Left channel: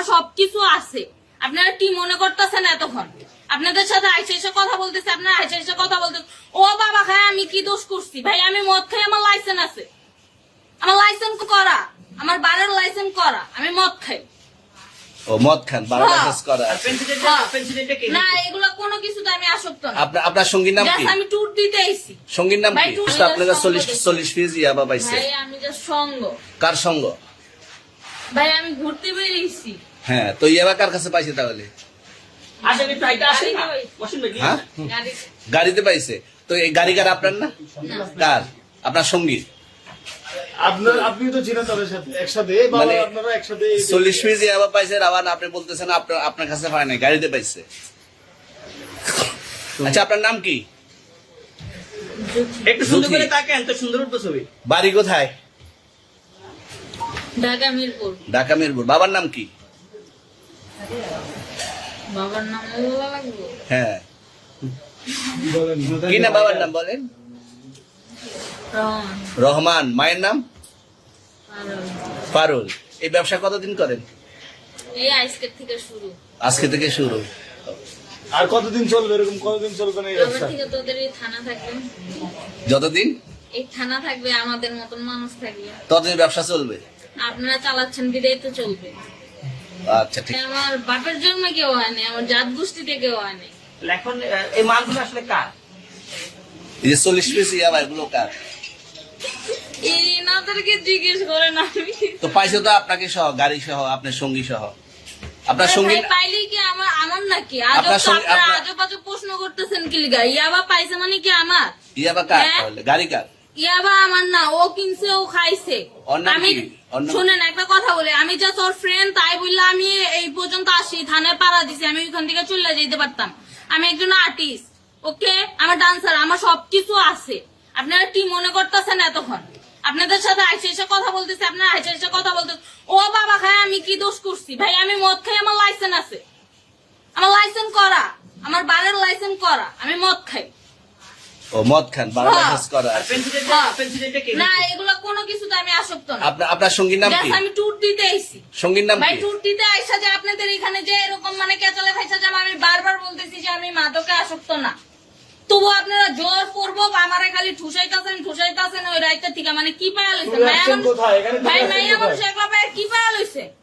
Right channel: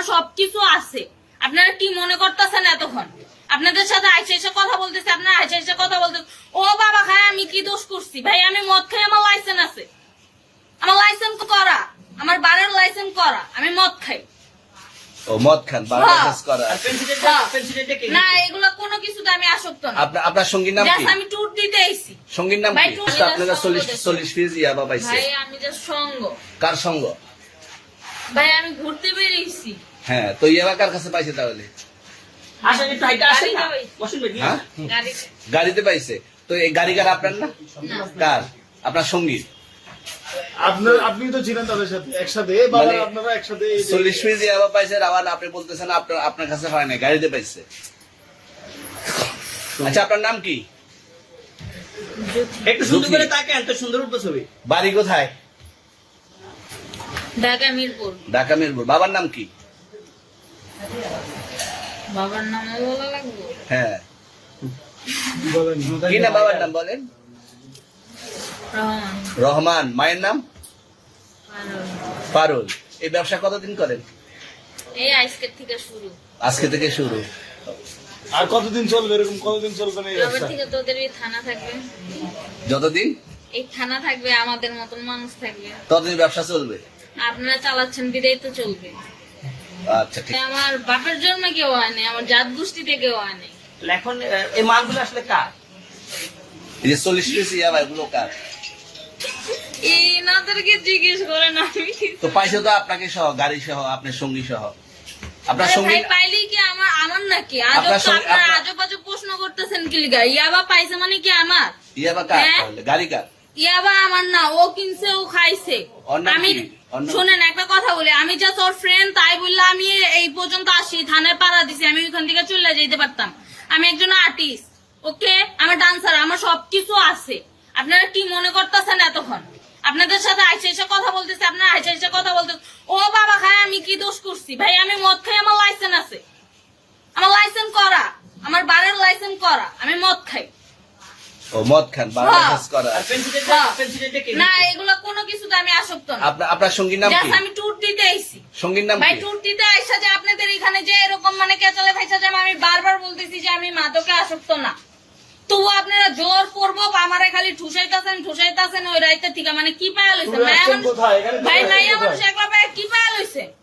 আমার সবকিছু আছে। আপনারা কি মনে করতেছেন এতক্ষণ? আপনাদের সাথে আইসা এসে কথা বলতেছে, আপনারা আইসা এসে কথা বলতেছে। ও বাবা খায়, আমি কি দোষ করছি? ভাই আমি মদ খাই, আমার লাইসেন্স আছে, আমার লাইসেন্স করা, আমার বাড়ির লাইসেন্স করা, আমি মদ খাই। ও মদ খান, বারো লাইসেন্স করা। না এগুলা কোনো কিছুতে আমি আসক্ত না। আপনার সঙ্গীর নাম কি? আমি ট্যুর দিতে আইছি। সঙ্গীর নাম ভাই, কি? ট্যুর আপনাদের 40 ফিজ ইয়াবা পাইছে। ভাই আমি যে সঙ্গ, কার সঙ্গ? ভাই আমি ঘুরতে বেরিয়েছি। হ্যাঁ, তো ইয়াবা কার কাছে পাইছে তাহলে? হ্যাঁ? গাড়িতে পাইছে। তো এই গাড়ি কার, আপনার না? কার? আপনার সঙ্গী? আপনি তো ছিলেন তাদের সাথে একসাথে, মানে আপনারা একসাথে 40 ফিজ ইয়াবা পাইছে, আবার আপনি বলতেছেন আপনার কাছে হয় না, গাড়িতে পাইছে। আচ্ছা, আপনার নাম কি? একটু সুন্দর করে তাকান, তো সুন্দর উঠতো ছবি। বাড়ি কোথায়? ঢাকা মিরপুর। ঢাকা মিরপুর। বাবার নাম কি? বাবার নাম বলা লাগবে? হ্যাঁ, বলেন কি না বাবার নাম বলেন? রহমান। রহমান। মায়ের নাম? পারুল। পারুল। এই ব্যবসা কতদিন করেন? এই আজকের থেকে শুরু। আজকে থেকে শুরু। আর কতদিন চলবে, এরকম কতদিন চলবে না এই আবার ব্যবসা? থেকে তোদের এই থানা থাকবে, যতদিন এই থানা থাকবে, আমাদের মতন মানুষ থাকবে। ততদিন ব্যবসা চলবে। আপনারা চালাচ্ছেন বিদায় তো চলবে। আচ্ছা, ঠিক। আমার বাপের জন্মে কেউ হয় নাই, আমার জাত গোষ্ঠীতে কেউ হয় নাই। এখন এই মালগুলো আসলে কার? এই যে 40 পিস ইয়াবা, এগুলো কার? এই নাদেরকে জিজ্ঞেস করেন। আমি তো পাইছে তো আপনাকে সহ, গাড়ি সহ, আপনার সঙ্গী সহ। আপনার আরে সঙ্গী ভাই, পাইলেই কি আমার নাকি? আজব আপনার তো সঙ্গে- আপনারা আপনার- আজব আজব প্রশ্ন করতেছেন কি লিগা? ইয়াবা পাইছে মানে কি আমার? ইয়াবা কার হ্যাঁ? তাহলে? গাড়ি কার? ইয়াবা আমার না, ও কিনছে, ও খাইছে। ওর নাম আমি কি? ওর নাম- শোনেন একটা কথা বলি, আমি যা তোর ফ্রেন্ড তাই বললে আমি এই পর্যন্ত আসি, থানায় পাড়া দিছি, আমি ওইখান থেকে চলে যেতে পারতাম। আমি একজন আর্টিস্ট, ওকে, আমার ডান্সার, আমার সবকিছু আছে। আপনারা কি মনে করতেছেন এতক্ষণ? আপনাদের সাথে আইসা এসে কথা বলতেছে, আপনারা আইসা এসে কথা বলতেছে। ও বাবা খায়, আমি কি দোষ করছি? ভাই আমি মদ খাই, আমার লাইসেন্স আছে, আমার লাইসেন্স করা, আমার বাড়ির লাইসেন্স করা, আমি মদ খাই। ও মদ খান, বারো হ্যাঁ। লাইসেন্স করা। আর পেন্সিলটা কে? না এগুলা কোনো কিছুতে আমি আসক্ত না। আপনার সঙ্গীর নাম কি? Just আমি ট্যুর দিতে আইছি। সঙ্গীর নাম ভাই কি? ট্যুর দিতে আইসা যে আপনাদের এখানে যে এরকম মানে কেচালে ভাইসা যে আমি বারবার বলতেছি যে আমি মাদকে আসক্ত না, তবু আপনারা জোর করবো আমারে খালি ঠুসাইতাছেন ওই রাইতে থেকে। মানে কি পায়া লইছে? চলে আসছেন কোথায়? এখানে চলে ভাই আসছেন মাইয়া কোথায়? মানুষ একবার কি পায়া লইছে?